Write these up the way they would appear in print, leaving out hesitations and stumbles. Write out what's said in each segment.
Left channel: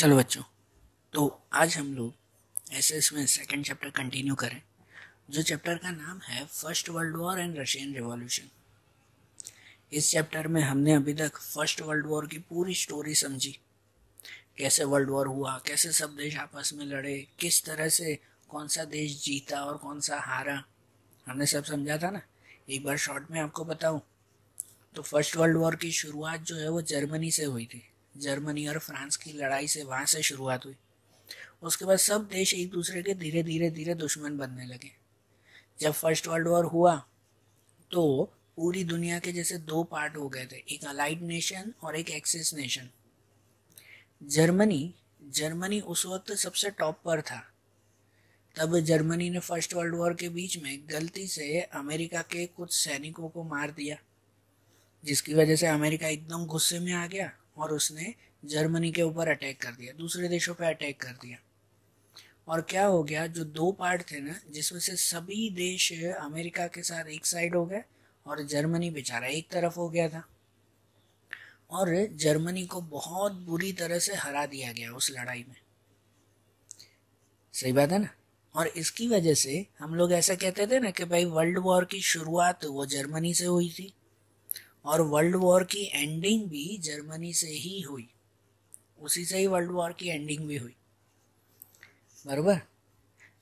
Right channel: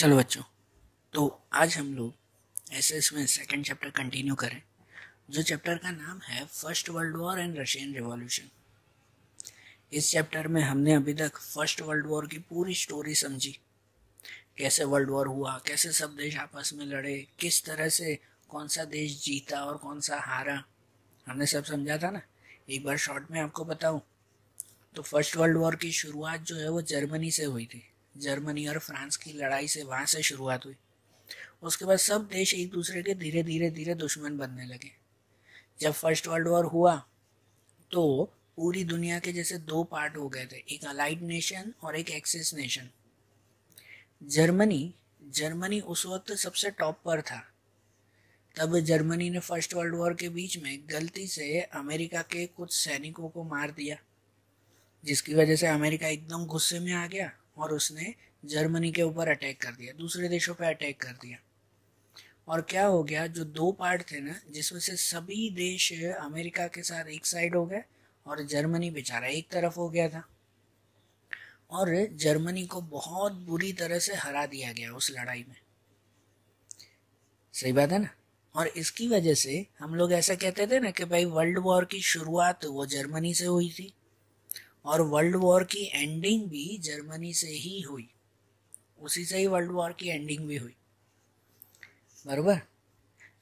चलो बच्चों, तो आज हम लोग एसएस में सेकंड चैप्टर कंटिन्यू करें, जो चैप्टर का नाम है first world war and Russian revolution. इस चैप्टर में हमने अभी तक फर्स्ट वर्ल्ड वॉर की पूरी स्टोरी समझी, कैसे वर्ल्ड वॉर हुआ, कैसे सब देश आपस में लड़े, किस तरह से कौन सा देश जीता और कौन सा हारा, हमने सब समझा था ना। एक बार शॉर्ट में आपको बताऊं तो फर्स्ट वर्ल्ड वॉर की शुरुआत जो है वो जर्मनी से हुई थी। जर्मनी और फ्रांस की लड़ाई से वहां से शुरुआत हुई। उसके बाद सब देश एक दूसरे के धीरे धीरे दुश्मन बनने लगे। जब फर्स्ट वर्ल्ड वॉर हुआ तो पूरी दुनिया के जैसे दो पार्ट हो गए थे, एक अलाइड नेशन और एक एक्सिस नेशन। जर्मनी उस वक्त सबसे टॉप पर था। तब जर्मनी ने फर्स्ट वर्ल्ड वॉर के बीच में गलती से अमेरिका के कुछ सैनिकों को मार दिया, जिसकी वजह से अमेरिका एकदम गुस्से में आ गया और उसने जर्मनी के ऊपर अटैक कर दिया, दूसरे देशों पर अटैक कर दिया। और क्या हो गया, जो दो पार्ट थे ना, जिसमें से सभी देश अमेरिका के साथ एक साइड हो गए और जर्मनी बेचारा एक तरफ हो गया था, और जर्मनी को बहुत बुरी तरह से हरा दिया गया उस लड़ाई में। सही बात है ना। और इसकी वजह से हम लोग ऐसा कहते थे ना कि भाई वर्ल्ड वॉर की शुरुआत वो जर्मनी से हुई थी और वर्ल्ड वॉर की एंडिंग भी जर्मनी से ही हुई, उसी से ही वर्ल्ड वॉर की एंडिंग भी हुई, बराबर।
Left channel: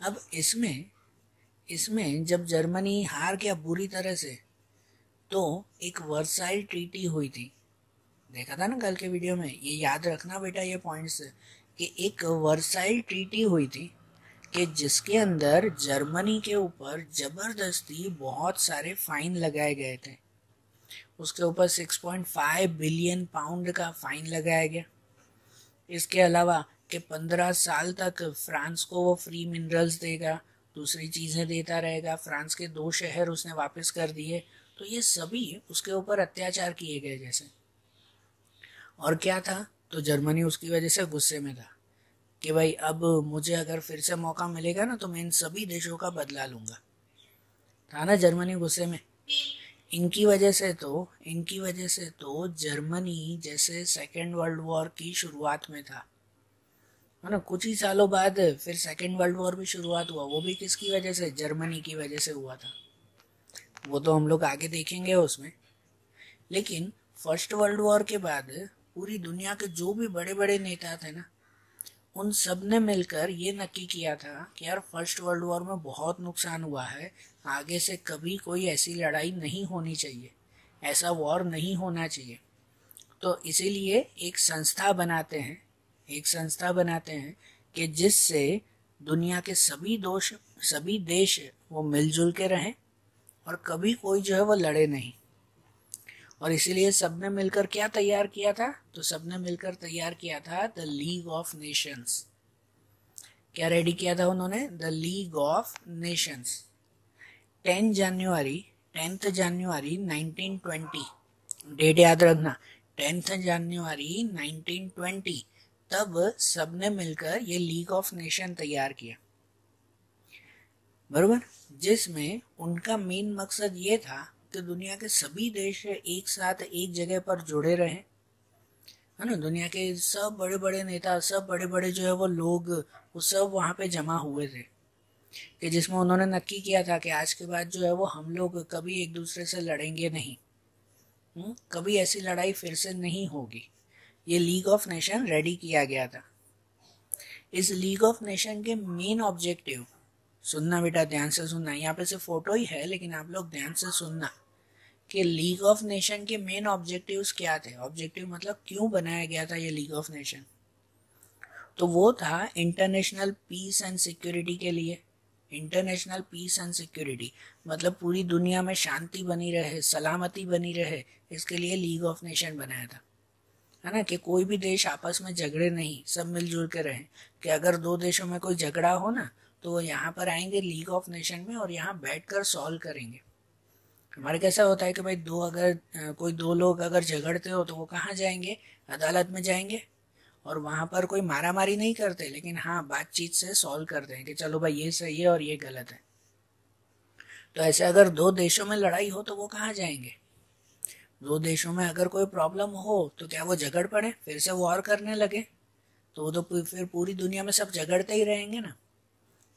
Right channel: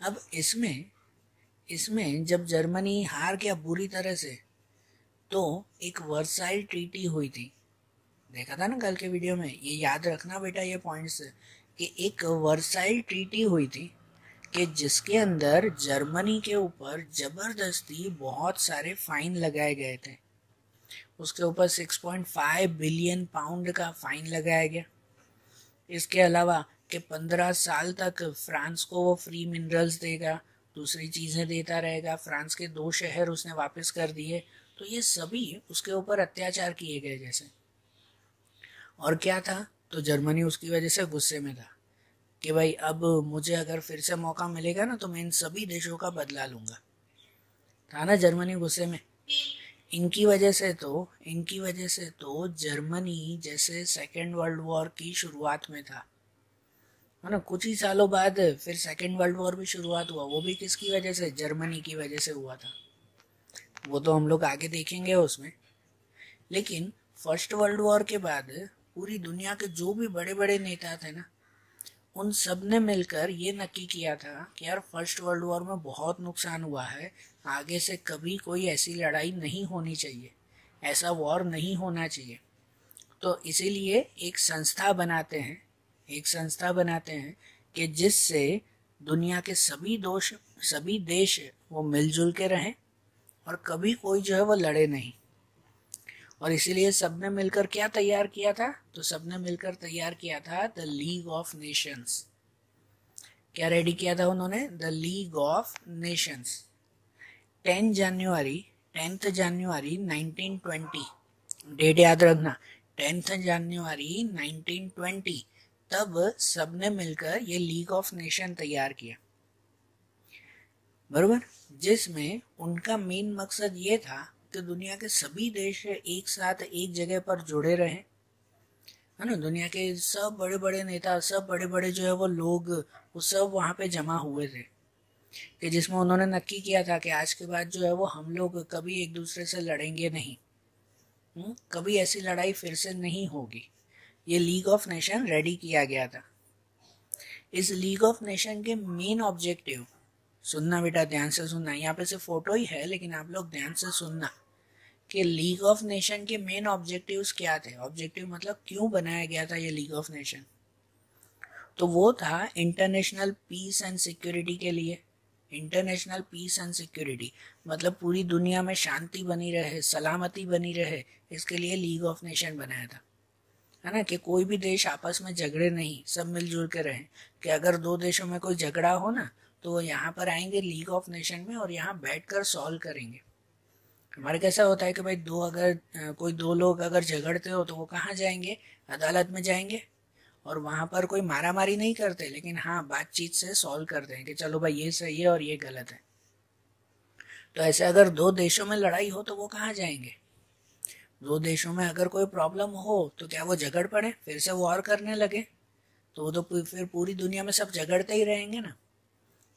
अब इसमें जब जर्मनी हार गया बुरी तरह से, तो एक वर्साइल ट्रीटी हुई थी। देखा था ना कल के वीडियो में, ये याद रखना बेटा ये पॉइंट्स, कि एक वर्साइल ट्रीटी हुई थी कि जिसके अंदर जर्मनी के ऊपर जबरदस्ती बहुत सारे फाइन लगाए गए थे। उसके ऊपर 6.5 बिलियन पाउंड का फाइन लगाया गया। इसके अलावा कि 15 साल तक फ्रांस को वो फ्री मिनरल्स देगा, दूसरी चीजें देता रहेगा। फ्रांस के 2 शहर उसने वापस कर दिए। तो ये सभी उसके ऊपर अत्याचार किए गए जैसे। और क्या था, तो जर्मनी उसकी वजह से गुस्से में था कि भाई अब मुझे अगर फिर से मौका मिलेगा ना तो मैं इन सभी देशों का बदला लूंगा। था ना जर्मनी गुस्से में। इनकी वजह से तो जर्मनी जैसे सेकेंड वर्ल्ड वॉर की शुरुआत में था, है ना। कुछ ही सालों बाद फिर सेकेंड वर्ल्ड वॉर भी शुरुआत हुआ। वो भी किसकी वजह से? जर्मनी की वजह से हुआ था। वो तो हम लोग आगे देखेंगे उसमें। लेकिन फर्स्ट वर्ल्ड वॉर के बाद पूरी दुनिया के जो भी बड़े बड़े नेता थे ना, उन सब ने मिलकर ये नक्की किया था कि यार फर्स्ट वर्ल्ड वॉर में बहुत नुकसान हुआ है, आगे से कभी कोई ऐसी लड़ाई नहीं होनी चाहिए, ऐसा वॉर नहीं होना चाहिए। तो इसीलिए एक संस्था बनाते हैं कि जिससे दुनिया के सभी देश वो मिलजुल के रहें और कभी कोई जो है वो लड़े नहीं। और इसीलिए सबने मिलकर क्या तैयार किया था? तो सबने मिलकर तैयार किया था द लीग ऑफ नेशंस। क्या रेडी किया था उन्होंने? The League of Nations. 10 जनवरी 1920, डेट याद रखना, 10 जनवरी 1920, तब सबने मिलकर ये लीग ऑफ नेशन तैयार किया, बरोबर। जिसमें उनका मेन मकसद ये था कि दुनिया के सभी देश एक साथ एक जगह पर जुड़े रहे, है ना। दुनिया के सब बड़े बड़े नेता, सब बड़े बड़े जो है वो लोग, वो सब वहां पे जमा हुए थे, कि जिसमें उन्होंने नक्की किया था कि आज के बाद जो है वो हम लोग कभी एक दूसरे से लड़ेंगे नहीं, कभी ऐसी लड़ाई फिर से नहीं होगी। ये लीग ऑफ नेशन रेडी किया गया था। इस लीग ऑफ नेशन के मेन ऑब्जेक्टिव, सुनना बेटा ध्यान से सुनना, यहाँ पे सिर्फ फोटो ही है लेकिन आप लोग ध्यान से सुनना कि लीग ऑफ नेशन के मेन ऑब्जेक्टिव्स क्या थे। ऑब्जेक्टिव मतलब क्यों बनाया गया था ये लीग ऑफ नेशन? तो वो था इंटरनेशनल पीस एंड सिक्योरिटी के लिए। इंटरनेशनल पीस एंड सिक्योरिटी मतलब पूरी दुनिया में शांति बनी रहे, सलामती बनी रहे, इसके लिए लीग ऑफ नेशन बनाया था, है ना। कि कोई भी देश आपस में झगड़े नहीं, सब मिलजुल के रहे। कि अगर 2 देशों में कोई झगड़ा हो ना तो यहाँ पर आएंगे लीग ऑफ नेशन में और यहाँ बैठकर सॉल्व करेंगे। हमारे कैसा होता है कि भाई कोई दो लोग अगर झगड़ते हो तो वो कहाँ जाएंगे? अदालत में जाएंगे, और वहां पर कोई मारा मारी नहीं करते, लेकिन हाँ बातचीत से सॉल्व करते हैं कि चलो भाई ये सही है और ये गलत है। तो ऐसे अगर 2 देशों में लड़ाई हो तो वो कहाँ जाएंगे? 2 देशों में अगर कोई प्रॉब्लम हो तो क्या वो झगड़ पड़े, फिर से वॉर करने लगे? तो वो तो फिर पूरी दुनिया में सब झगड़ते ही रहेंगे ना।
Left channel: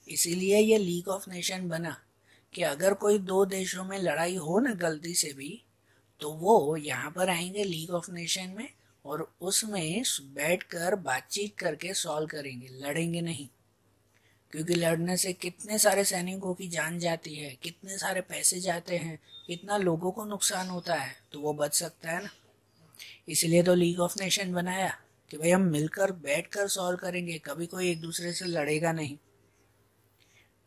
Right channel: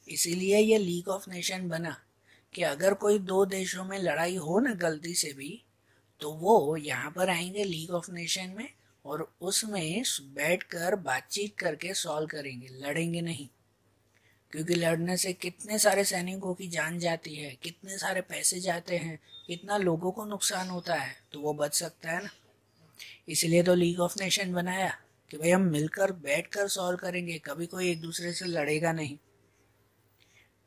इसीलिए ये लीग ऑफ नेशन बना कि अगर कोई दो देशों में लड़ाई हो ना गलती से भी, तो वो यहाँ पर आएंगे लीग ऑफ नेशन में और उसमें बैठकर बातचीत करके सॉल्व करेंगे, लड़ेंगे नहीं। क्योंकि लड़ने से कितने सारे सैनिकों की जान जाती है, कितने सारे पैसे जाते हैं, कितना लोगों को नुकसान होता है, तो वो बच सकता है ना। इसलिए तो लीग ऑफ नेशन बनाया कि भाई हम मिलकर बैठकर सॉल्व करेंगे, कभी कोई एक दूसरे से लड़ेगा नहीं।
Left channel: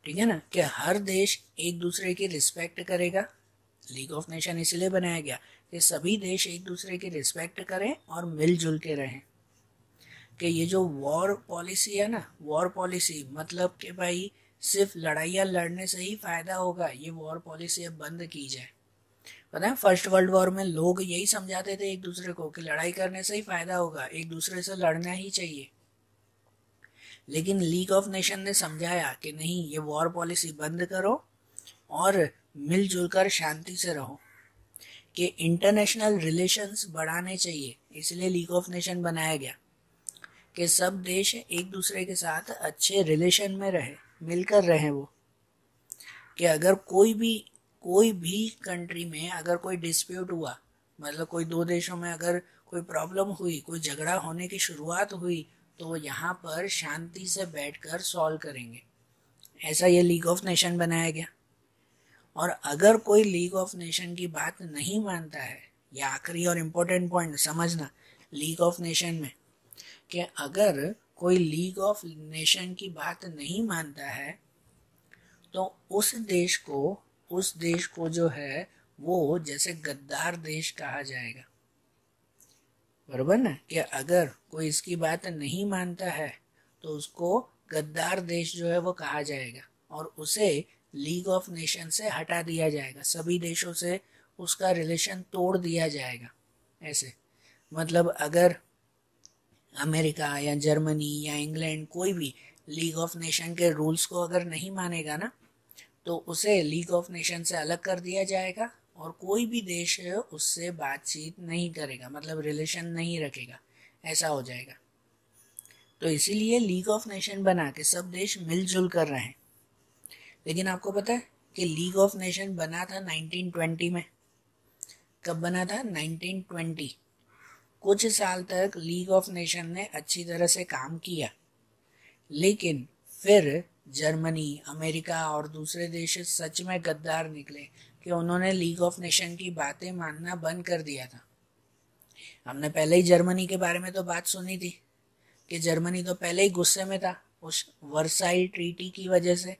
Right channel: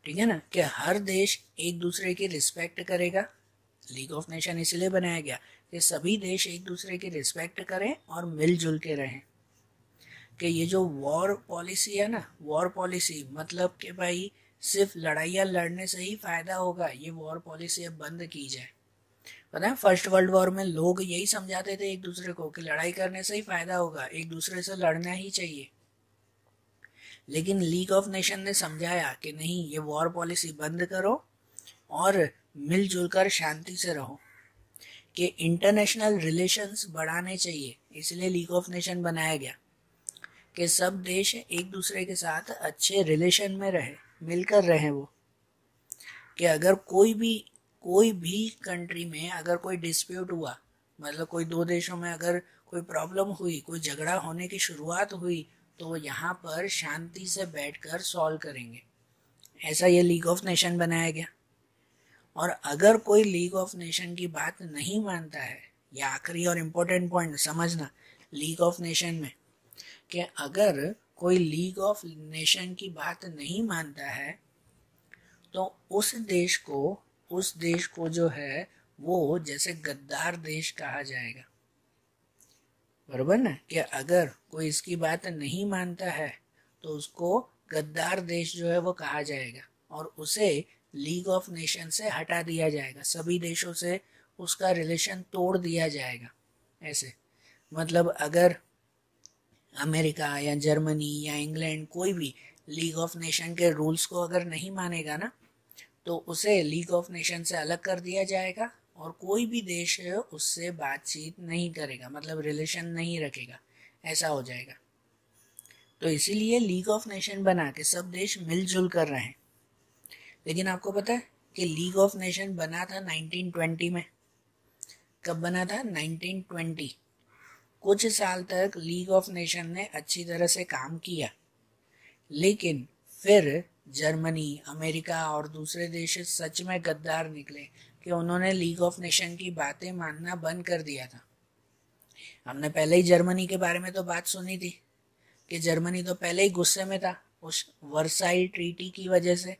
ठीक है ना, कि हर देश एक दूसरे की रिस्पेक्ट करेगा। लीग ऑफ नेशन इसलिए बनाया गया कि सभी देश एक दूसरे की रिस्पेक्ट करें और मिलजुल के रहें। कि ये जो वॉर पॉलिसी है ना, वॉर पॉलिसी मतलब कि भाई सिर्फ लड़ाइयाँ लड़ने से ही फायदा होगा, ये वॉर पॉलिसी अब बंद की जाए। पता है फर्स्ट वर्ल्ड वॉर में लोग यही समझाते थे एक दूसरे को कि लड़ाई करने से ही फायदा होगा, एक दूसरे से लड़ना ही चाहिए। लेकिन लीग ऑफ नेशन ने समझाया कि नहीं, ये वॉर पॉलिसी बंद करो और मिलजुल कर शांति से रहो, कि इंटरनेशनल रिलेशंस बढ़ाने चाहिए। इसलिए लीग ऑफ नेशन बनाया गया कि सब देश एक दूसरे के साथ अच्छे रिलेशन में रहे, मिलकर रहे। वो कि अगर कोई भी कंट्री में अगर कोई डिस्प्यूट हुआ, मतलब कोई दो देशों में अगर कोई प्रॉब्लम हुई, कोई झगड़ा होने की शुरुआत हुई, तो यहाँ पर शांति से बैठकर सॉल्व करेंगे। ऐसा ये लीग ऑफ नेशन बनाया गया। और अगर कोई लीग ऑफ नेशन की बात नहीं मानता है, या आखिरी और इम्पोर्टेंट पॉइंट समझना लीग ऑफ नेशन में, कि अगर कोई लीग ऑफ नेशन की बात नहीं मानता है तो उस देश को जो है वो जैसे गद्दार देश कहा जाएगा। बराबर ना, कि अगर कोई इसकी बात नहीं मानता है तो उसको गद्दार देश जो है वो कहा जाएगा और उसे लीग ऑफ नेशन से हटा दिया जाएगा, सभी देशों से उसका रिलेशन तोड़ दिया जाएगा। ऐसे मतलब अगर अमेरिका या जर्मनी या इंग्लैंड कोई भी लीग ऑफ नेशन के रूल्स को अगर नहीं मानेगा ना, तो उसे लीग ऑफ नेशन से अलग कर दिया जाएगा और कोई भी देश उससे बातचीत नहीं करेगा, मतलब रिलेशन नहीं रखेगा, ऐसा हो जाएगा। तो इसीलिए लीग ऑफ नेशन बना के सब देश मिलजुल कर रहे हैं। लेकिन आपको पता है कि लीग ऑफ नेशन बना था 1920 में। कब बना था? 1920। कुछ साल तक लीग ऑफ नेशन ने अच्छी तरह से काम किया, लेकिन फिर जर्मनी, अमेरिका और दूसरे देश सच में गद्दार निकले कि उन्होंने लीग ऑफ नेशन की बातें मानना बंद कर दिया था। हमने पहले ही जर्मनी के बारे में तो बात सुनी थी कि जर्मनी तो पहले ही गुस्से में था उस वर्साइल ट्रीटी की वजह से,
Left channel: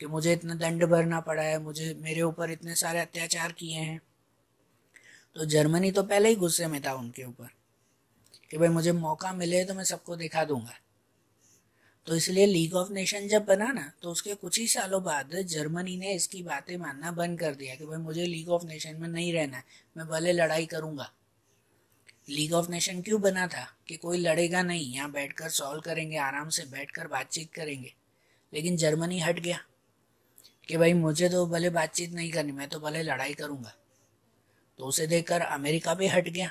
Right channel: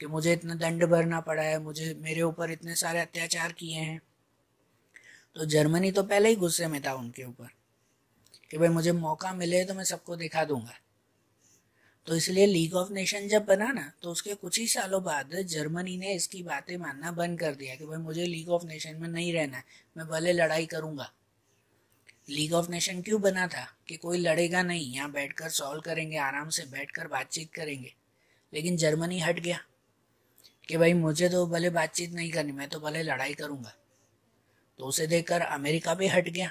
कि मुझे इतना दंड भरना पड़ा है, मेरे ऊपर इतने सारे अत्याचार किए हैं। तो जर्मनी तो पहले ही गुस्से में था उनके ऊपर कि भाई मुझे मौका मिले तो मैं सबको दिखा दूंगा। तो इसलिए लीग ऑफ नेशन जब बना ना, तो उसके कुछ ही सालों बाद जर्मनी ने इसकी बातें मानना बंद कर दिया कि भाई मुझे लीग ऑफ नेशन में नहीं रहना है, मैं भले लड़ाई करूंगा। लीग ऑफ नेशन क्यों बना था? कि कोई लड़ेगा नहीं, यहाँ बैठकर सॉल्व करेंगे, आराम से बैठकर बातचीत करेंगे। लेकिन जर्मनी हट गया कि भाई मुझे तो भले बातचीत नहीं करनी, मैं तो भले लड़ाई करूंगा। तो उसे देखकर अमेरिका भी हट गया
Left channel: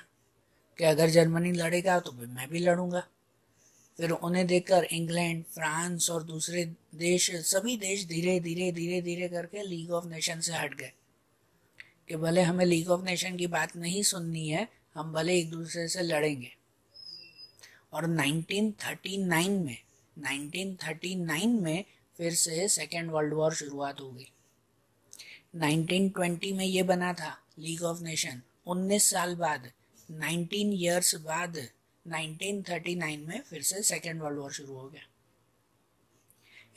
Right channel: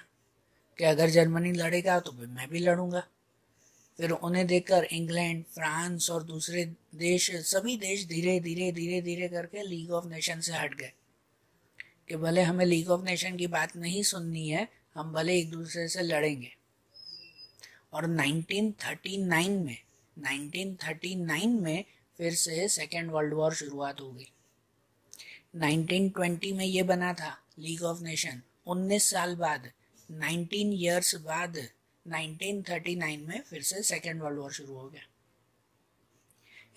कि अगर जर्मनी लड़ेगा तो मैं भी लड़ूंगा। फिर उन्हें देखकर इंग्लैंड, फ्रांस और दूसरे देश, सभी देश धीरे धीरे करके लीग ऑफ नेशन से हट गए कि भले हमें लीग ऑफ नेशन की बात नहीं सुननी है, हम भले एक दूसरे से लड़ेंगे। और 1939 में फिर से सेकेंड वर्ल्ड वॉर शुरुआत हो गई। 1920 में ये बना था लीग ऑफ नेशन। 19 साल बाद, 19 ईयर्स बाद 1939 में फिर से सेकेंड वर्ल्ड वॉर शुरू हो गया,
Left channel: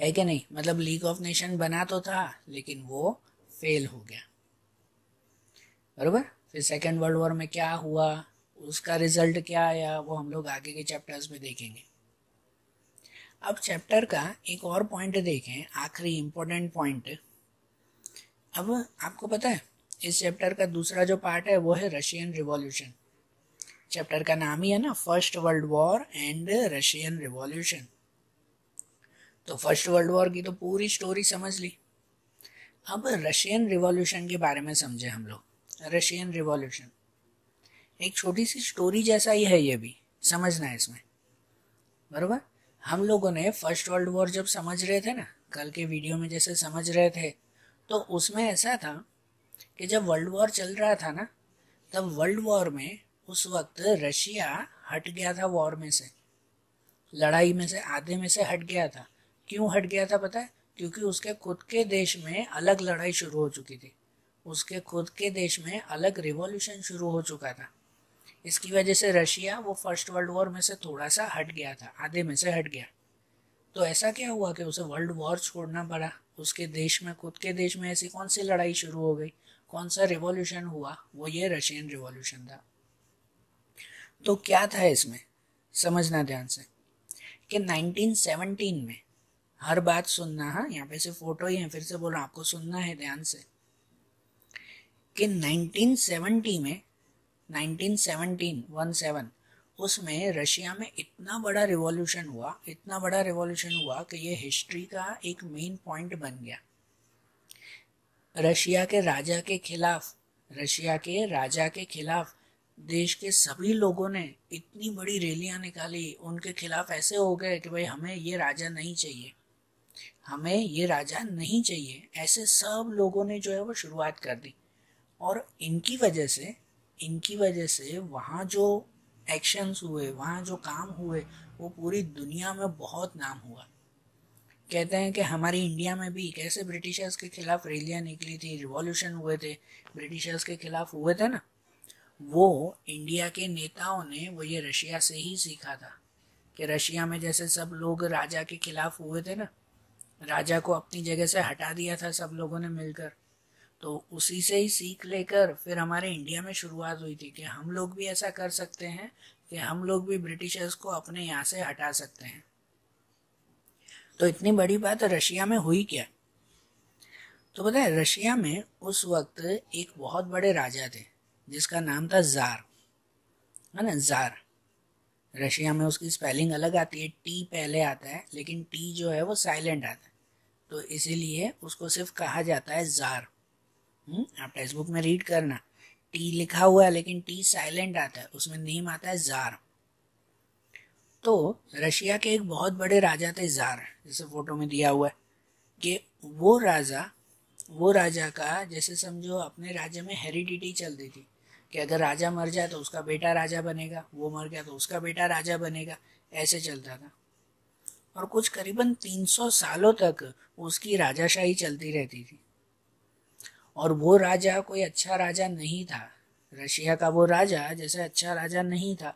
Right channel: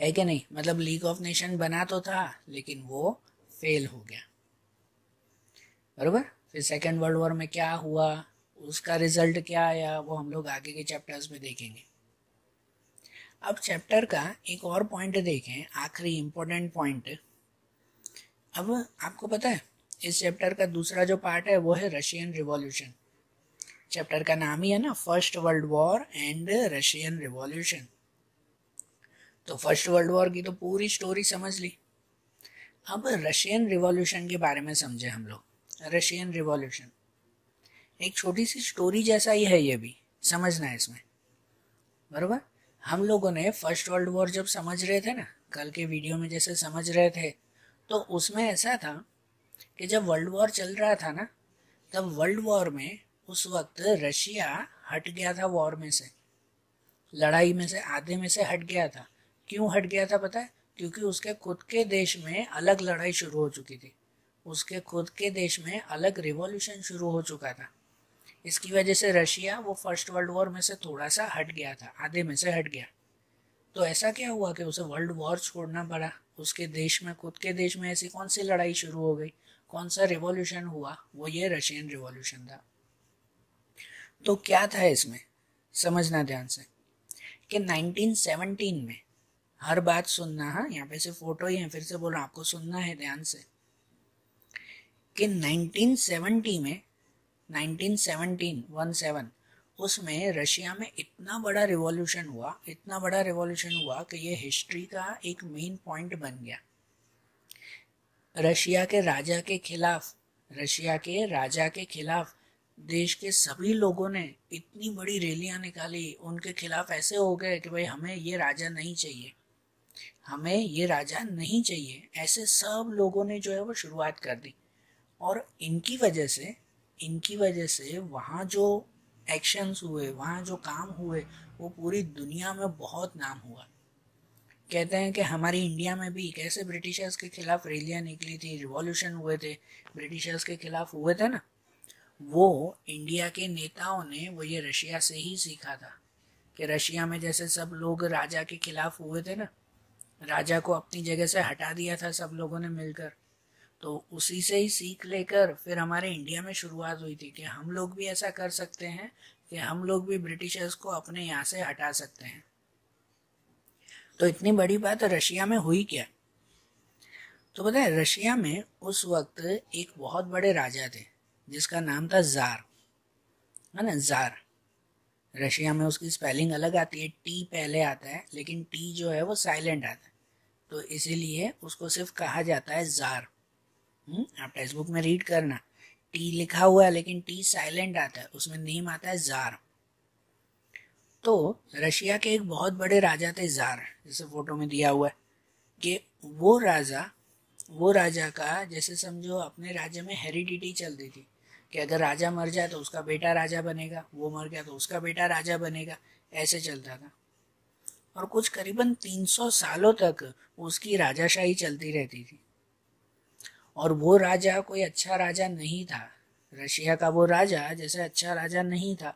है कि नहीं? मतलब लीग ऑफ नेशन बना तो था लेकिन वो फेल हो गया। बरोबर। फिर सेकेंड वर्ल्ड वॉर में क्या हुआ, उसका रिजल्ट क्या आया, वो हम लोग आगे के चैप्टर्स में देखेंगे। अब चैप्टर का एक और पॉइंट देखें, आखिरी इंपॉर्टेंट पॉइंट। अब आपको पता है इस चैप्टर का दूसरा जो पार्ट है वो है रशियन रिवॉल्यूशन। चैप्टर का नाम ही है ना, first world war and Russian revolution. तो फर्स्ट वर्ल्ड वॉर की तो पूरी स्टोरी समझ ली। अब रशियन रिवॉल्यूशन के बारे में समझे हम लोग। रशियन रिवॉल्यूशन एक छोटी सी स्टोरी जैसा ही है, ये भी समझना है इसमें बराबर। हम लोगों ने फर्स्ट वर्ल्ड वॉर जब समझ रहे थे ना, कल के वीडियो में जैसे समझ रहे थे, तो उसमें ऐसा था कि जब वर्ल्ड वॉर चल रहा था ना, तब वर्ल्ड वॉर में उस वक्त रशिया हट गया था वॉर में से, लड़ाई में से आधे में से हट गया था। क्यों हट गया था पता है? क्योंकि उसके खुद के देश में अलग लड़ाई शुरू हो चुकी थी, उसके खुद के देश में अलग रिवॉल्यूशन शुरू हो चुका था। इसकी वजह से रशिया वो फर्स्ट वर्ल्ड वॉर में से थोड़ा सा हट गया था, आधे में से हट गया। तो ऐसा क्या हुआ कि उसे वर्ल्ड वॉर छोड़ना पड़ा? उसके देश में, खुद के देश में ऐसी कौन सी लड़ाई शुरू हो गई, कौन सा रिवॉल्यूशन हुआ? वो ये रशियन रिवॉल्यूशन था। तो क्या था इसमें, समझना ध्यान से, कि 1917 में, हर बात सुनना, हाँ यहाँ पे से फोटो ही है, फिर से बोल रहा आपको सुनना है ध्यान से, कि 1917 में 1917 उसमें रशिया में इतना बड़ा रिवॉल्यूशन हुआ, इतना बड़ा रिवॉल्यूशन हुआ कि ये हिस्ट्री का एक मेन पॉइंट बन गया। रशिया के राजा के खिलाफ देश के सभी लोगों ने इतनी बड़ी रैलियां निकाली, उनके खिलाफ ऐसे हो गए कि भाई हमें ये राजा नहीं चाहिए, हमें ये राजा नहीं चाहिए, ऐसे सब लोगों ने जो है वो शुरुआत कर दी। और इनकी वजह से वहाँ जो एक्शंस हुए, वहाँ जो काम हुए, वो पूरी दुनिया में बहुत नाम हुआ। कहते हैं कि हमारी इंडिया में भी कैसे ब्रिटिशर्स के खिलाफ रैलियां निकली थी, रिवॉल्यूशन हुए थे, ब्रिटिशर्स के खिलाफ हुए थे ना, वो इंडिया के नेताओं ने वो ये रशिया से ही सीखा था। कि रशिया में जैसे सब लोग राजा के खिलाफ हुए थे ना, राजा को अपनी जगह से हटा दिया था सब लोगों ने मिलकर, तो उसी से ही सीख लेकर फिर हमारे इंडिया में शुरुआत हुई थी कि हम लोग भी ऐसा कर सकते हैं, कि हम लोग भी ब्रिटिशर्स को अपने यहाँ से हटा सकते हैं। तो इतनी बड़ी बात रशिया में हुई क्या? तो पता है, रशिया में उस वक्त एक बहुत बड़े राजा थे जिसका नाम था जार, है ना, जार। रशिया में उसकी स्पेलिंग अलग आती है, टी पहले आता है, लेकिन टी जो है वो साइलेंट आता है, तो इसीलिए उसको सिर्फ कहा जाता है जार। आप टेक्स्ट बुक में रीड करना, टी लिखा हुआ है लेकिन टी साइलेंट आता है, उसमें नेम आता है जार। तो रशिया के एक बहुत बड़े राजा थे जार, जैसे फोटो में दिया हुआ है, कि वो राजा का जैसे समझो अपने राज्य में हेरिडिटी चलती थी, कि अगर राजा मर जाए तो उसका बेटा राजा बनेगा, वो मर गया तो उसका बेटा राजा बनेगा, ऐसे चलता था। और कुछ करीबन 300 सालों तक उसकी राजाशाही चलती रहती थी। और वो राजा कोई अच्छा राजा नहीं था, रशिया का वो राजा जैसे अच्छा राजा नहीं था,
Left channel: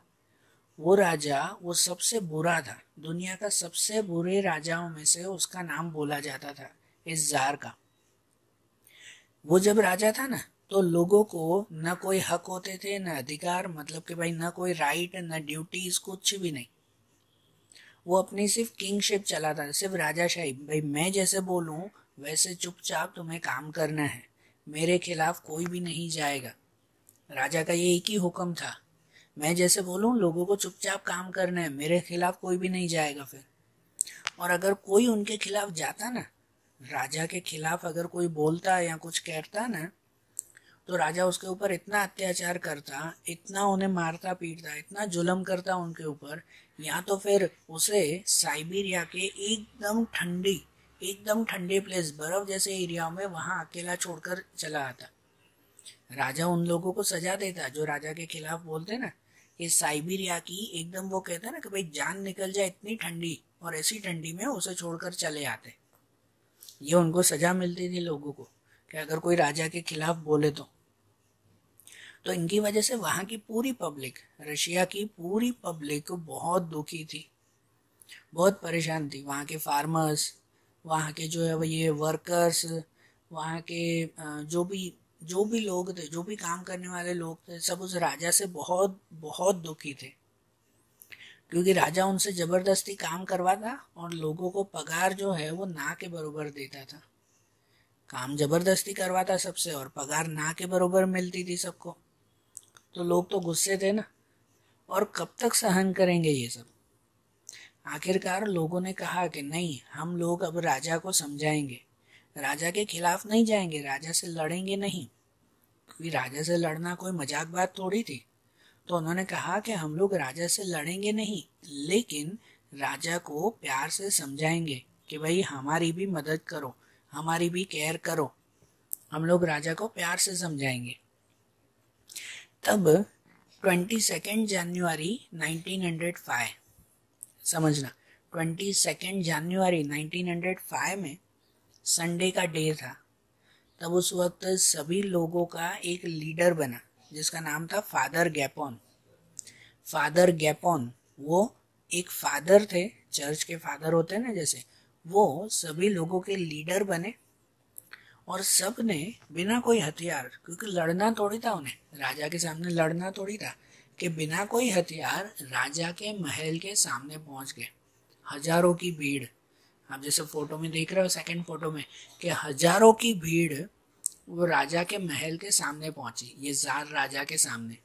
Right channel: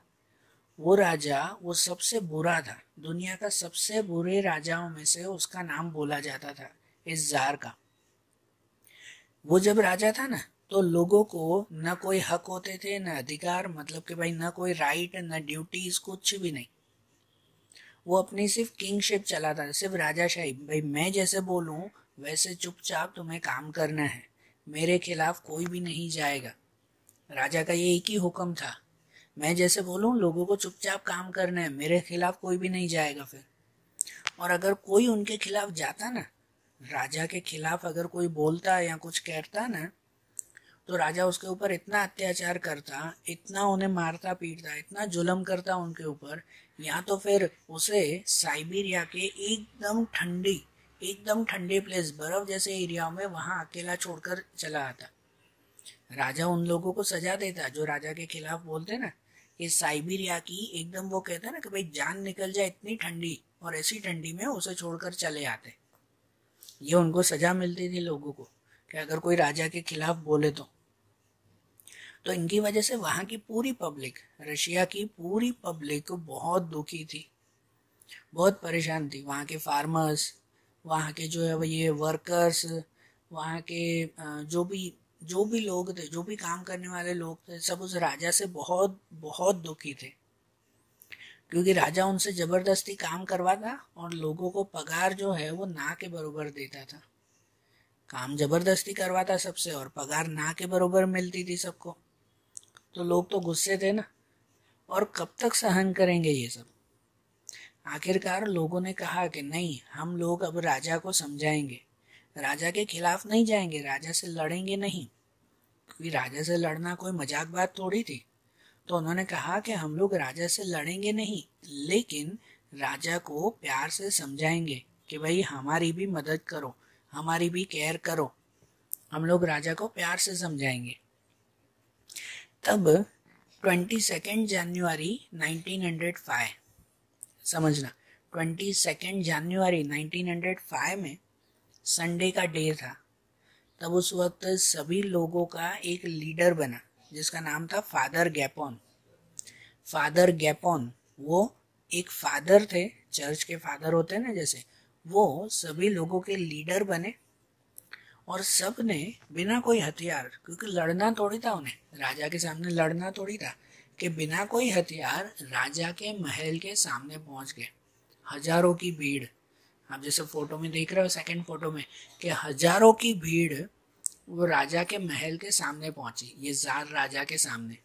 वो राजा वो सबसे बुरा था, दुनिया का सबसे बुरे राजाओं में से उसका नाम बोला जाता था, इस जार का। वो जब राजा था ना, तो लोगों को न कोई हक होते थे, न अधिकार, मतलब कि भाई न कोई राइट, न ड्यूटीज, कुछ भी नहीं। वो अपनी सिर्फ किंगशिप चलाता था, सिर्फ राजाशाही, भाई मैं जैसे बोलूं वैसे चुपचाप तुम्हें काम करना है, मेरे खिलाफ कोई भी नहीं जाएगा। राजा का ये एक ही हुक्म था, मैं जैसे बोलूं लोगों को चुपचाप काम करना है, मेरे खिलाफ कोई भी नहीं जाएगा फिर। और अगर कोई उनके खिलाफ जाता ना, राजा के खिलाफ अगर कोई बोलता या कुछ कहता ना, तो राजा उसके ऊपर इतना अत्याचार करता, इतना उन्हें मारता पीटता, इतना जुल्म करता उनके ऊपर, या तो फिर उसे साइबेरिया के एकदम ठंडे प्लेस, बर्फ जैसे एरिया में वहां अकेला छोड़कर चला आता। राजा उन लोगों को सजा देता जो राजा के खिलाफ बोलते ना, ये साइबेरिया की एकदम, वो कहता ना कि भाई जान निकल जाए इतनी ठंडी, और ऐसी ठंडी में उसे छोड़कर चले आते। ये उनको सजा मिलती थी लोगों को, कि अगर कोई राजा के खिलाफ बोले तो इनकी वजह से वहां की पूरी पब्लिक, रशिया की पूरी पब्लिक बहुत दुखी थी, बहुत परेशान थी। वहां के फार्मर्स, वहां के जो है वो ये वर्कर्स, वहां के जो भी लोग थे, जो भी काम करने वाले लोग थे, सब उस राजा से बहुत बहुत दुखी थे, क्योंकि राजा उनसे जबरदस्ती काम करवाता और लोगों को पगार जो है वो ना के बराबर देता था। काम जबरदस्ती करवाता सबसे और पगार ना के बराबर मिलती थी सबको, तो लोग तो गुस्से थे ना, और कब तक सहन करेंगे ये सब। आखिरकार लोगों ने कहा कि नहीं, हम लोग अब राजा को समझाएंगे, राजा के खिलाफ नहीं जाएंगे, राजा से लड़ेंगे नहीं, क्योंकि राजा से लड़ना कोई मजाक बात थोड़ी थी। तो उन्होंने कहा कि हम लोग राजा से लड़ेंगे नहीं, लेकिन राजा को प्यार से समझाएंगे कि भाई हमारी भी मदद करो, हमारी भी केयर करो, हम लोग राजा को प्यार से समझाएंगे। तब 22 जनवरी 1905, समझना 22 जनवरी 1905 में संडे का डे था। तब उस वक्त सभी लोगों का एक लीडर बना जिसका नाम था फादर गैपोन। फादर गैपोन वो एक फादर थे, चर्च के फादर होते हैं ना जैसे, वो सभी लोगों के लीडर बने और सब ने बिना कोई हथियार, क्योंकि लड़ना थोड़ी था उन्हें, राजा के सामने लड़ना थोड़ी था, कि बिना कोई हथियार राजा के महल के सामने पहुंच गए। हजारों की भीड़, आप जैसे फोटो में देख रहे हो सेकंड फोटो में, कि हजारों की भीड़ वो राजा के महल के सामने पहुंची, ये जार राजा के सामने।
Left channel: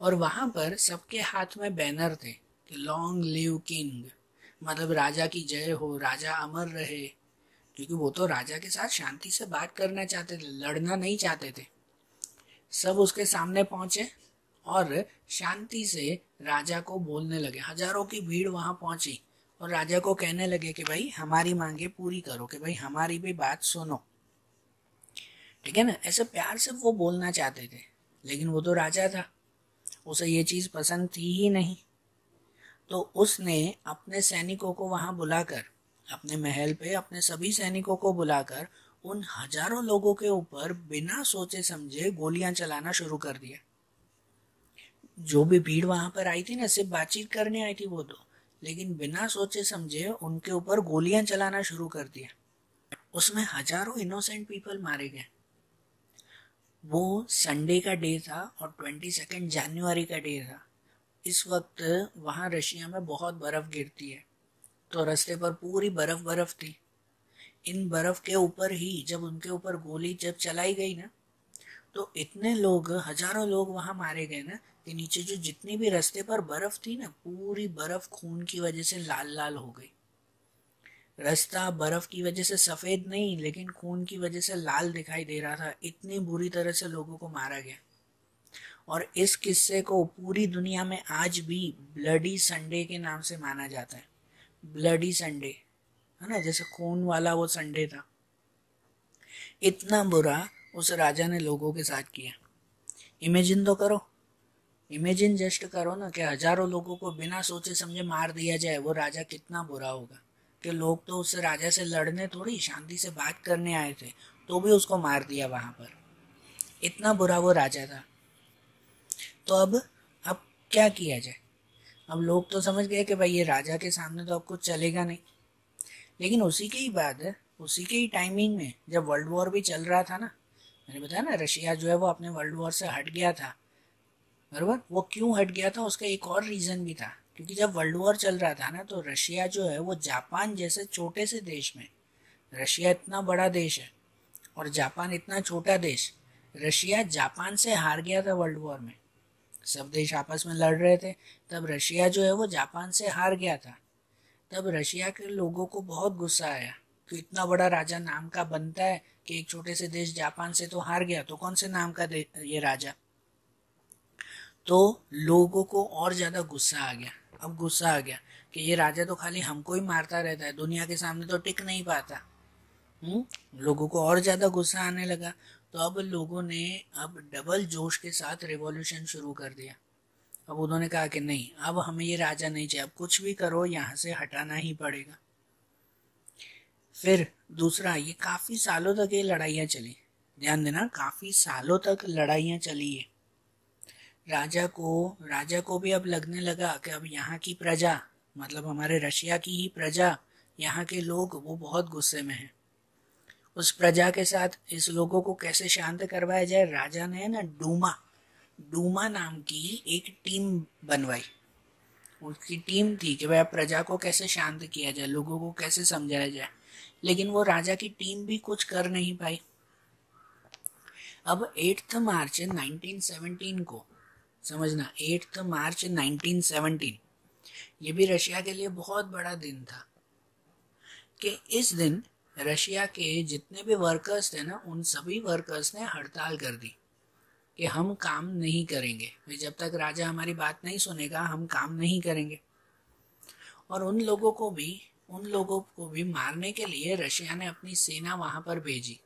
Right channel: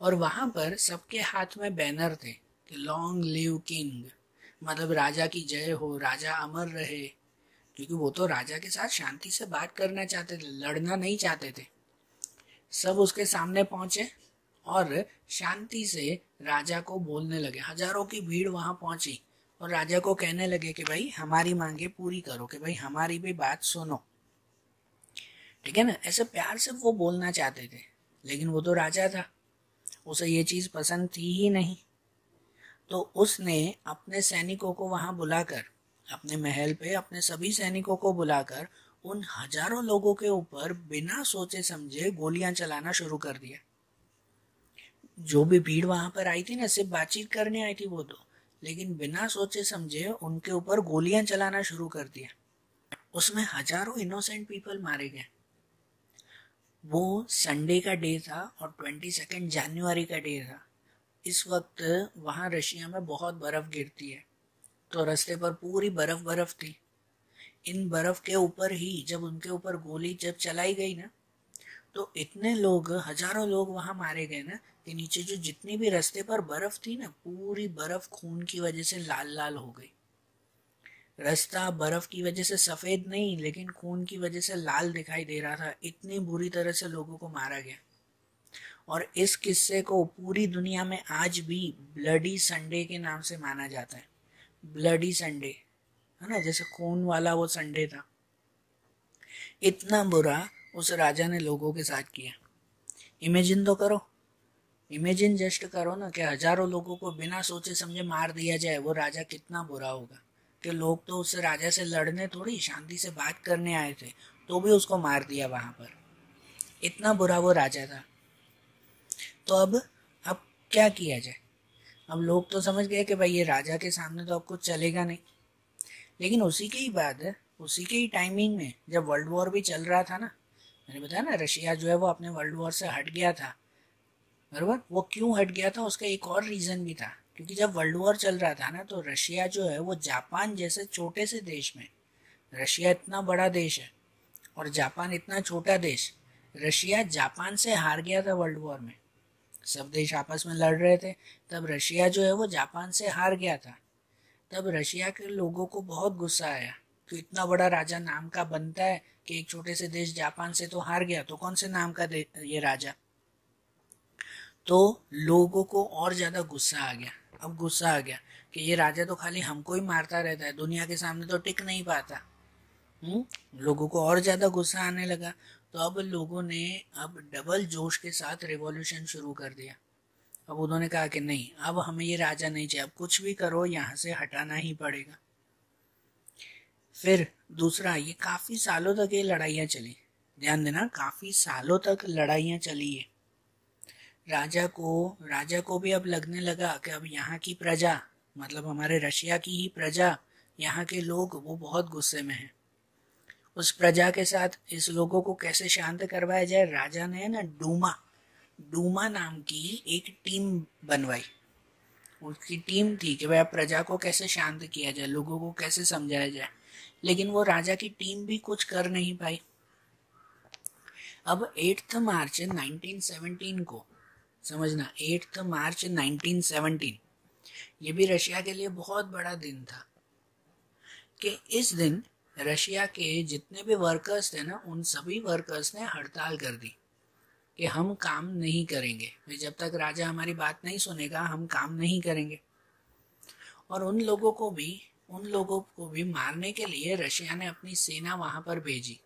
और वहां पर सबके हाथ में बैनर थे कि लॉन्ग लिव किंग, मतलब राजा की जय हो, राजा अमर रहे, क्योंकि वो तो राजा के साथ शांति से बात करना चाहते थे, लड़ना नहीं चाहते थे। सब उसके सामने पहुंचे और शांति से राजा को बोलने लगे। हजारों की भीड़ वहां पहुंची और राजा को कहने लगे कि भाई हमारी मांगे पूरी करो, कि भाई हमारी भी बात सुनो, ठीक है ना। ऐसे प्यार से वो बोलना चाहते थे, लेकिन वो तो राजा था, उसे ये चीज पसंद थी ही नहीं। तो उसने अपने सैनिकों को वहां बुलाकर, अपने महल पे अपने सभी सैनिकों को बुलाकर उन हजारों लोगों के ऊपर बिना सोचे समझे गोलियां चलाना शुरू कर दिया। जो भी भीड़ वहां पर आई थी ना, सिर्फ बातचीत करने आई थी वो तो, लेकिन बिना सोचे समझे उनके ऊपर गोलियां चलाना शुरू कर दिया। उसमें हजारों इनोसेंट पीपल मारे गए। वो संडे का डे था और 22 जनवरी का डे था। इस वक्त वहां रशिया में बहुत बर्फ गिरती है, तो रास्ते पर पूरी बर्फ थी। इन बर्फ के ऊपर ही जब उनके ऊपर गोली जब चलाई गई ना, तो इतने लोग, हजारों लोग वहां मारे गए ना कि नीचे जो जितनी भी रास्ते पर बर्फ थी ना, पूरी बर्फ खून की वजह से लाल लाल हो गई। रास्ता बर्फ की वजह से सफेद नहीं, लेकिन खून की वजह से लाल दिखाई दे रहा था। इतनी बुरी तरह से लोगों को मारा गया। और इस किस्से को पूरी दुनिया में आज भी ब्लडी संडे के नाम से माना जाता है। ब्लडी संडे, है ना, जैसे खून वाला वो संडे था। इतना बुरा उस राजा ने लोगों के साथ किया। इमेजिन तो करो, इमेजिन जस्ट करो ना कि हजारों लोगों को बिना सोचे समझे मार दिया जाए। वो राजा कितना बुरा होगा कि लोग तो उससे राजा से लड़ने थोड़ी, शांति से बात करने आए थे, तो भी उसको मार दिया वहां पर। इतना बुरा वो राजा था। तो अब क्या किया जाए? अब लोग तो समझ गए कि भाई ये राजा के सामने तो अब कुछ चलेगा नहीं। लेकिन उसी के ही बाद, उसी के ही टाइमिंग में जब वर्ल्ड वॉर भी चल रहा था ना, मैंने बताया ना रशिया जो है वो अपने वर्ल्ड वॉर से हट गया था, बराबर। वो क्यों हट गया था उसका एक और रीजन भी था, क्योंकि जब वर्ल्ड वॉर चल रहा था ना, तो रशिया जो है वो जापान जैसे छोटे से देश में, रशिया इतना बड़ा देश है और जापान इतना छोटा देश, रशिया जापान से हार गया था वर्ल्ड वॉर में। सब देश आपस में लड़ रहे थे, तब रशिया जो है वो जापान से हार गया था। तब रशिया के लोगों को बहुत गुस्सा आया कि इतना बड़ा राजा नाम का बनता है कि एक छोटे से देश जापान से तो हार गया, तो कौन से नाम का ये राजा। तो लोगों को और ज्यादा गुस्सा आ गया। अब गुस्सा आ गया कि ये राजा तो खाली हमको ही मारता रहता है, दुनिया के सामने तो टिक नहीं पाता। लोगों को और ज्यादा गुस्सा आने लगा। तो अब लोगों ने अब डबल जोश के साथ रिवॉल्यूशन शुरू कर दिया। अब उन्होंने कहा कि नहीं, अब हमें ये राजा नहीं चाहिए, अब कुछ भी करो यहाँ से हटाना ही पड़ेगा। फिर दूसरा, ये काफी सालों तक ये लड़ाइयाँ चली, ध्यान देना, काफी सालों तक लड़ाइयाँ चली है। राजा को भी अब लगने लगा कि अब यहाँ की प्रजा, मतलब हमारे रशिया की ही प्रजा, यहाँ के लोग वो बहुत गुस्से में है। उस प्रजा के साथ इस लोगों को कैसे शांत करवाया जाए, राजा ने ना डूमा नाम की एक टीम बनवाई। उसकी टीम थी कि भाई प्रजा को कैसे शांत किया जाए, लोगों को कैसे समझाया जाए। लेकिन वो राजा की टीम भी कुछ कर नहीं पाई। अब 8 मार्च 1917 को, समझना 8 मार्च 1917, ये भी रशिया के लिए बहुत बड़ा दिन था कि इस दिन रशिया के जितने भी वर्कर्स थे ना, उन सभी वर्कर्स ने हड़ताल कर दी कि हम काम नहीं करेंगे, जब तक राजा हमारी बात नहीं सुनेगा हम काम नहीं करेंगे। और उन लोगों को भी मारने के लिए रशिया ने अपनी सेना वहां पर भेजी।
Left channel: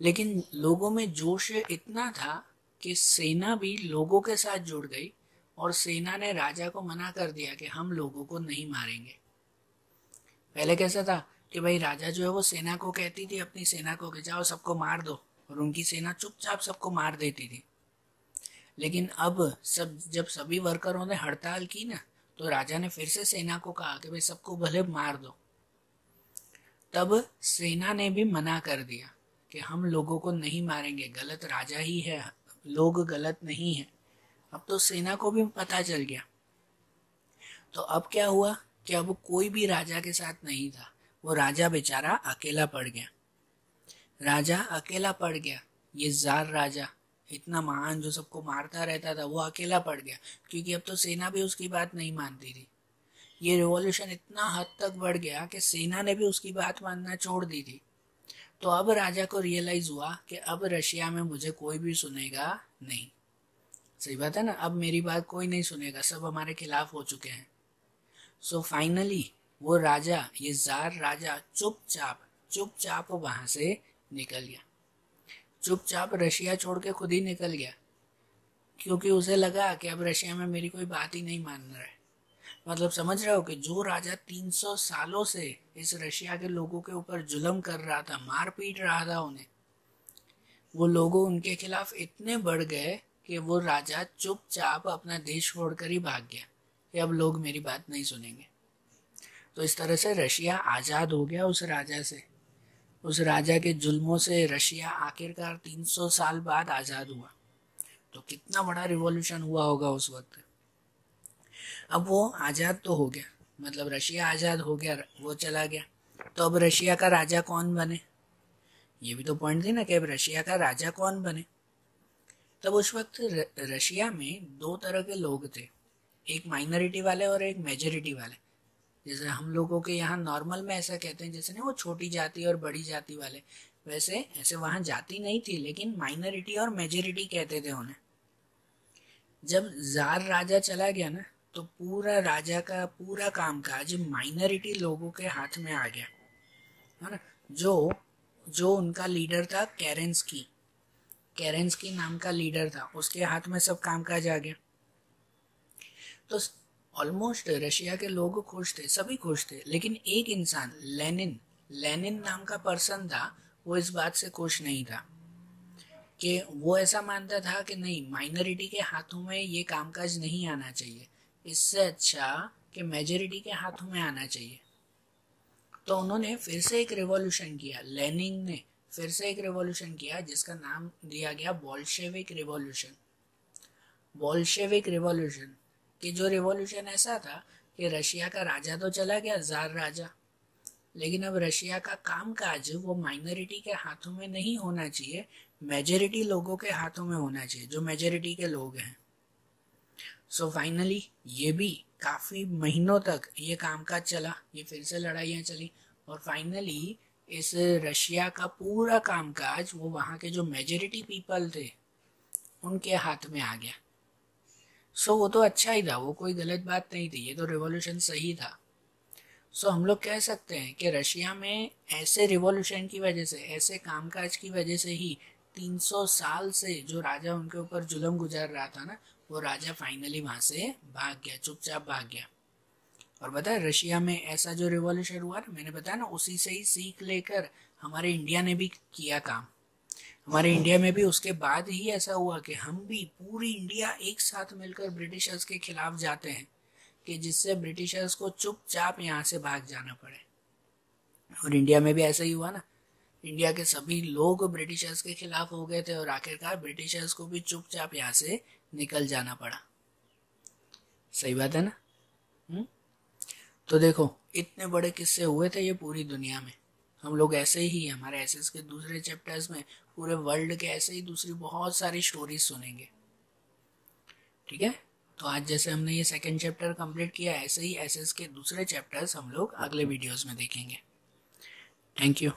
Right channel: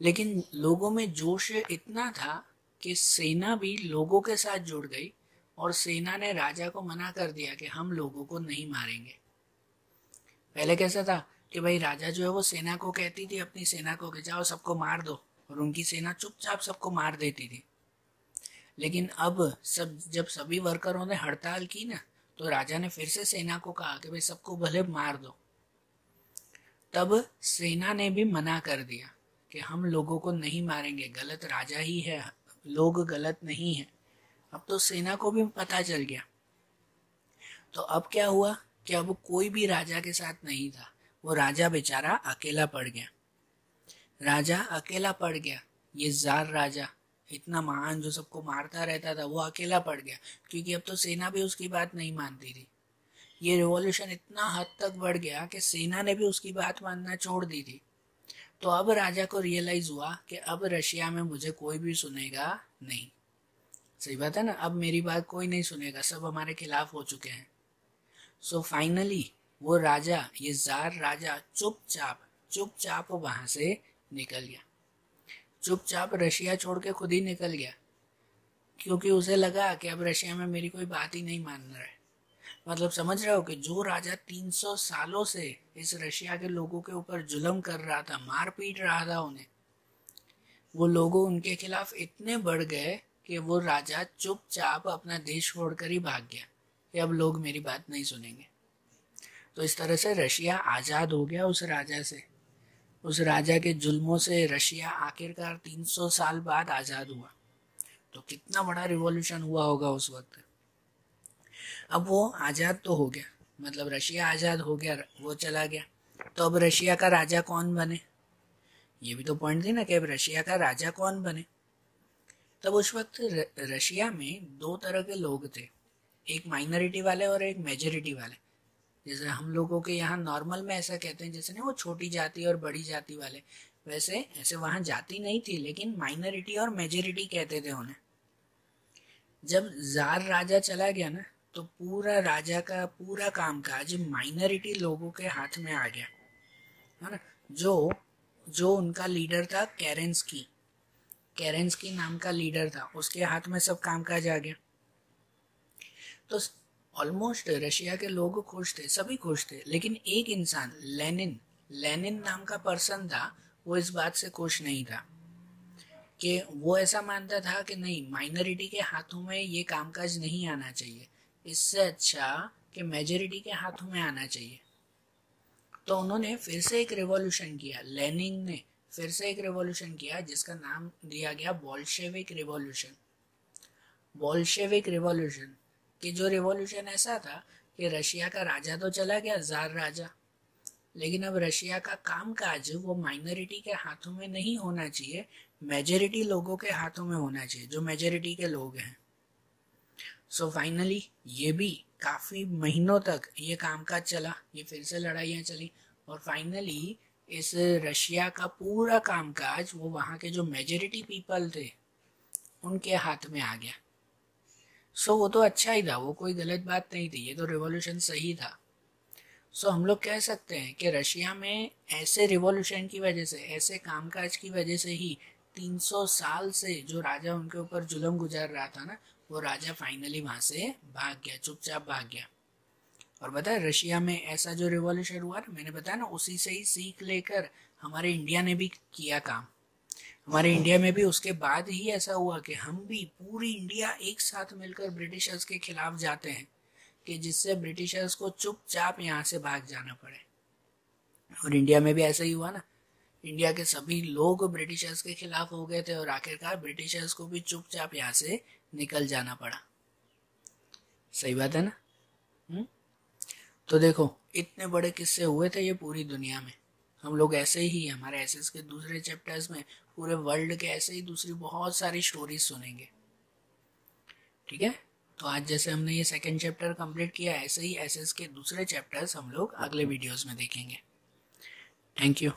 लेकिन लोगों में जोश इतना था कि सेना भी लोगों के साथ जुड़ गई और सेना ने राजा को मना कर दिया कि हम लोगों को नहीं मारेंगे। पहले कैसा था कि भाई राजा जो है वो सेना को कहती थी, अपनी सेना को कि जाओ सबको मार दो, और उनकी सेना चुपचाप सबको मार देती थी। लेकिन अब जब सभी वर्करों ने हड़ताल की ना, तो राजा ने फिर से सेना को कहा कि भाई सबको भले मार दो। तब सेना ने भी मना कर दिया कि हम लोगों को नहीं मारेंगे, गलत राजा ही है, लोग गलत नहीं है। अब तो सेना को भी पता चल गया। तो अब क्या हुआ कि अब कोई भी राजा के साथ नहीं था, वो राजा बेचारा अकेला पड़ गया। राजा अकेला पड़ गया, ये जार राजा इतना महान जो सबको मारता रहता था, वो अकेला पड़ गया, क्योंकि अब तो सेना भी उसकी बात नहीं मानती थी। ये रिवॉल्यूशन इतना हद तक बढ़ गया कि सेना ने भी उसकी बात मानना छोड़ दी थी। तो अब राजा को रियलाइज हुआ कि अब रशिया में मुझे कोई भी सुनेगा नहीं। सही बात है ना, अब मेरी बात कोई नहीं सुनेगा, सब हमारे खिलाफ हो चुके हैं। सो फाइनली वो राजा, ये जार राजा चुपचाप वहां से निकल गया। चुपचाप रशिया छोड़ के खुद ही निकल गया, क्योंकि उसे लगा कि अब रशिया में मेरी कोई बात ही नहीं मान रहा है। मतलब समझ रहे हो कि जो राजा 300 सालों से इस रशिया के लोगों के ऊपर जुल्म कर रहा था, मार पीट रहा था उन्हें, वो लोगों उनके खिलाफ इतने बढ़ गए कि वो राजा चुपचाप अपना देश छोड़कर ही भाग गया कि अब लोग मेरी बात नहीं सुनेंगे। तो इस तरह से रशिया आजाद हो गया उस राजा से। उस राजा के जुल्मों से रशिया आखिरकार 300 साल बाद आजाद हुआ। तो कितना बड़ा रिवॉल्यूशन हुआ होगा उस वक्त। अब वो आजाद तो हो गया, मतलब रशिया आजाद हो गया, वो चला गया। तो अब रशिया का राजा कौन बने, ये भी तो पॉइंट थी ना कि अब रशिया का राजा कौन बने। तब उस वक्त रशिया में दो तरह के लोग थे, एक माइनॉरिटी वाले और एक मेजॉरिटी वाले। जैसे हम लोगों के यहाँ नॉर्मल में ऐसा कहते हैं, जैसे ना वो छोटी जाति और बड़ी जाति वाले, वैसे ऐसे वहां जाति नहीं थी, लेकिन माइनॉरिटी और मेजॉरिटी कहते थे उन्हें। जब जार राजा चला गया ना, तो पूरा राजा का पूरा कामकाज माइनॉरिटी लोगों के हाथ में आ गया, है ना। जो उनका लीडर था केरेंस्की नाम का लीडर था, उसके हाथ में सब कामकाज आ गया। तो ऑलमोस्ट रशिया के लोग खुश थे, सभी खुश थे, लेकिन एक इंसान लेनिन नाम का पर्सन था, वो इस बात से खुश नहीं था। कि वो ऐसा मानता था कि नहीं, माइनॉरिटी के हाथों में ये कामकाज नहीं आना चाहिए, इससे अच्छा कि मेजॉरिटी के हाथों में आना चाहिए। तो उन्होंने फिर से एक रिवॉल्यूशन किया, लेनिन ने फिर से एक रिवॉल्यूशन किया जिसका नाम दिया गया बोल्शेविक रिवॉल्यूशन। कि जो रिवॉल्यूशन ऐसा था कि रशिया का राजा तो चला गया, जार राजा, लेकिन अब रशिया का कामकाज वो माइनॉरिटी के हाथों में नहीं होना चाहिए, मेजॉरिटी लोगों के हाथों में होना चाहिए, जो मेजॉरिटी के लोग हैं। सो फाइनली ये भी काफी महीनों तक ये कामकाज चला, ये फिर से लड़ाइयाँ चली, और फाइनली इस रशिया का पूरा कामकाज वो वहाँ के जो मेजॉरिटी पीपल थे उनके हाथ में आ गया। सो वो तो अच्छा ही था, वो कोई गलत बात नहीं थी, ये तो रिवॉल्यूशन सही था। सो हम लोग कह सकते हैं कि रशिया में ऐसे रिवॉल्यूशन की वजह से, ऐसे कामकाज की वजह से ही 300 साल से जो राजा उनके ऊपर जुल्म गुजार रहा था ना, वो राजा फाइनली वहां से भाग गया, चुपचाप भाग गया। और बताया रशिया में ऐसा जो रिवॉल्यूशन हुआ ना, मैंने बताया ना, उसी से ही सीख लेकर हमारे इंडिया ने भी किया काम। हमारे इंडिया में भी उसके बाद ही ऐसा हुआ कि हम भी पूरी इंडिया एक साथ मिलकर ब्रिटिशर्स के खिलाफ जाते हैं, कि जिससे ब्रिटिशर्स को चुपचाप यहाँ से भाग जाना पड़े। और इंडिया में भी ऐसा ही हुआ ना, इंडिया के सभी लोग ब्रिटिशर्स के खिलाफ हो गए थे और आखिरकार ब्रिटिशर्स को भी चुपचाप यहाँ से निकल जाना पड़ा। सही बात है ना। तो देखो इतने बड़े किस्से हुए थे ये पूरी दुनिया में। हम लोग ऐसे ही हमारे एसएस के दूसरे चैप्टर्स में पूरे वर्ल्ड के ऐसे ही दूसरी बहुत सारी स्टोरीज सुनेंगे। ठीक है, तो आज जैसे हमने ये सेकंड चैप्टर कंप्लीट किया, ऐसे ही एसएस के दूसरे चैप्टर्स हम लोग अगले वीडियोस में देखेंगे। Thank you.